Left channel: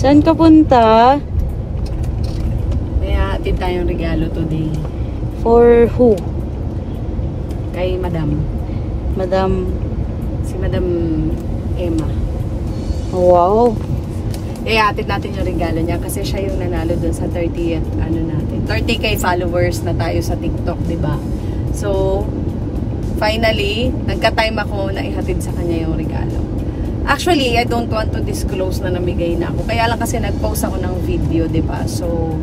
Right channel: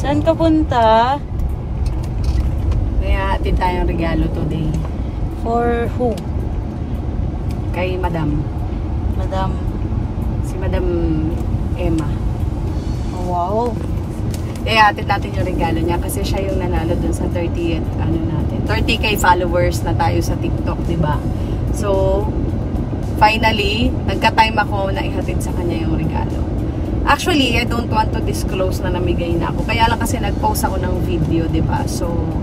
Saan ka punta? May atin tayong regalo today. For who? Kay Madam. Madam. Si Madam Emma. Wow. Atid natin yung regalo niya kasi siya yung nanalo dun sa 30th, ano natin. 30k followers na tayo sa TikTok, diba? So, finally, nagka-time ako na ihatid sa kanya yung regalo. Actually, I don't want to disclose na namigay na ako. Kaya lang kasi nag-post ako ng video, diba? So,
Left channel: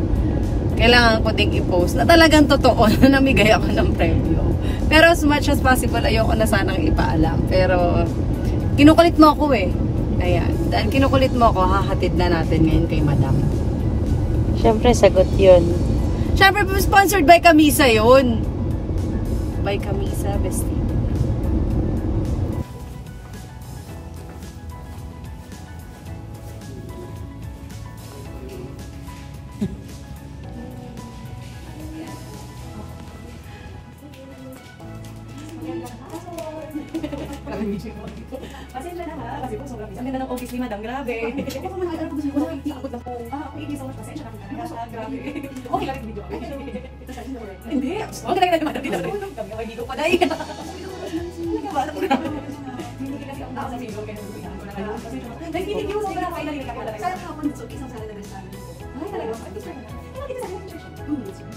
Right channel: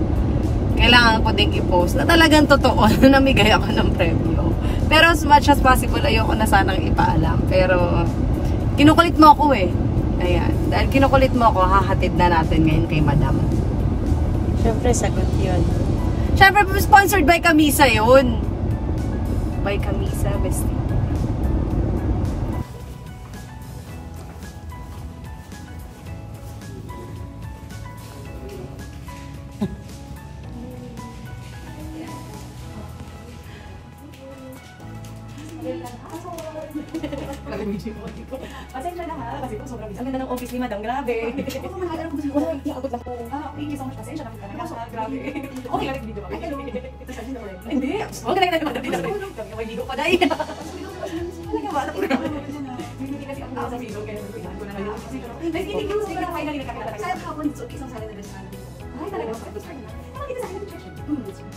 kailangan ko ding i-post na talagang totoo na namigay ako ng premyo. Pero as much as possible, ayoko na sanang ipaalam. Pero, kinukulit mo ako eh. Ayan. Dahil kinukulit mo ako, hahatid na natin ngayon kay Madam. Siyempre, sagot yun. Siyempre, sponsored by Camisa yun. By Camisa, bestie. Pasensya na ha, kasi po sobrang ang ganda ng office ni Madam, grabe. Ako naman nag-alala ko sa wala, iakot lang po. Thank you so much, pasensya na kita. Grabe. Okay lang video pa. Ito sa gina ulit. Hindi, ang ganda ng Madam din. Kami ako ligo pa dahil. Talaga ba? Hindi kasi ang tao sa video, kaya nagpigan ko na kaya. Pasensya na. Guys, hindi ko sila kaya lang ikakita. Sayang ako, isang sala na restaurant. Ay, talaga mapagdos lang. Kita sa akin yung church.